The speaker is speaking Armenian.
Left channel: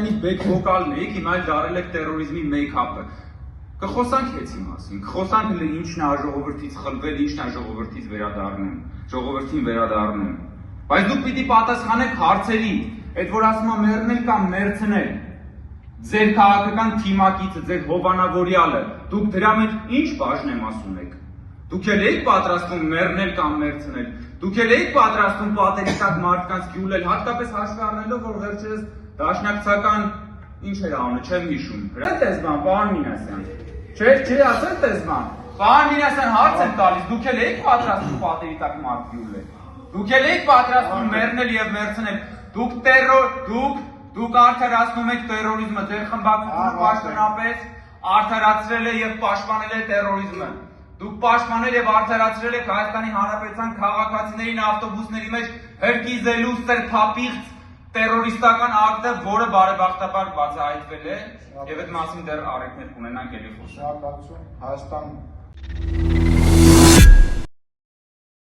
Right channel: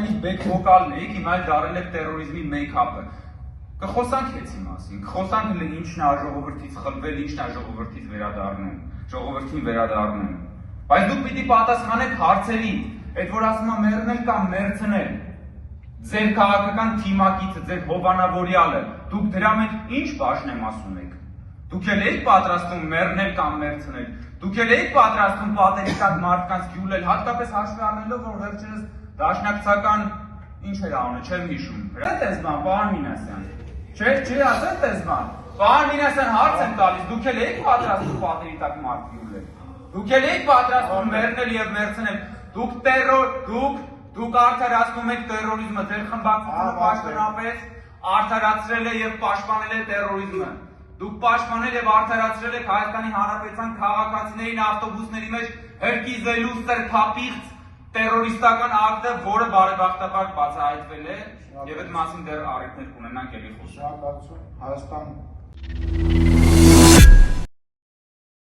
այնից բեք վոկալն եք, հիմա դարել եք տերորիզմի մեյքափը։ Կխոսանք էցի մասին, խոսանք ինչն է ժողովրդից խլվել, ինչն է ժողովրդից վերադառնում, ժողովրդին վերադառնում։ Բայց դուք պիտի պատասխանեք հարցերին, այդ որ ասում եմ մեռնել կամ մերցնել։ Ձեր քաղաքական թիմակիցը, ձեր հովանավորյալը, դուք դրա մեջ ինչ բաժնեմ ասում եք։ Դուք էլ եք պատրաստում մեռնել կամ մերցնել։ Դուք էլ եք պատրաստում պատերի տակ մարդկանց գյուլել, հատկապես հաշվի առնելով, որ վերջերս դաշնակցական ինչ էր անը, չեմ հիշում։ Այդպես բան, պարոն Մինասյան։ Չէ, ասել տես բան։ Պարոն Մինասյան հարց եմ տալիս, դուք էլ եք պատրաստում պատերի տակ մարդ գյուլել։ Դուք էլ եք պատրաստում մեռնել եւ մերցնել։ Դուք արդարացնում եք տերորիզմը, ձեր խմբակցությունը պաշտոնապես արդարացրել է եւ պաշտպանել է տերորիզմը։ Դուք պաշտպանել եւ արդարացրել եք Հայաստանի Հանրապետության քաղաքացիներին ավտոբուսների մեջ հրկիզելու սրբապիղծ տերորիստական ակտը, որը բարեբախտաբար բացահայտվել է եւ այդ մասին դեռ առիթներ կունենանք ելի խոսել։ Շնորհակալություն, Հայաստան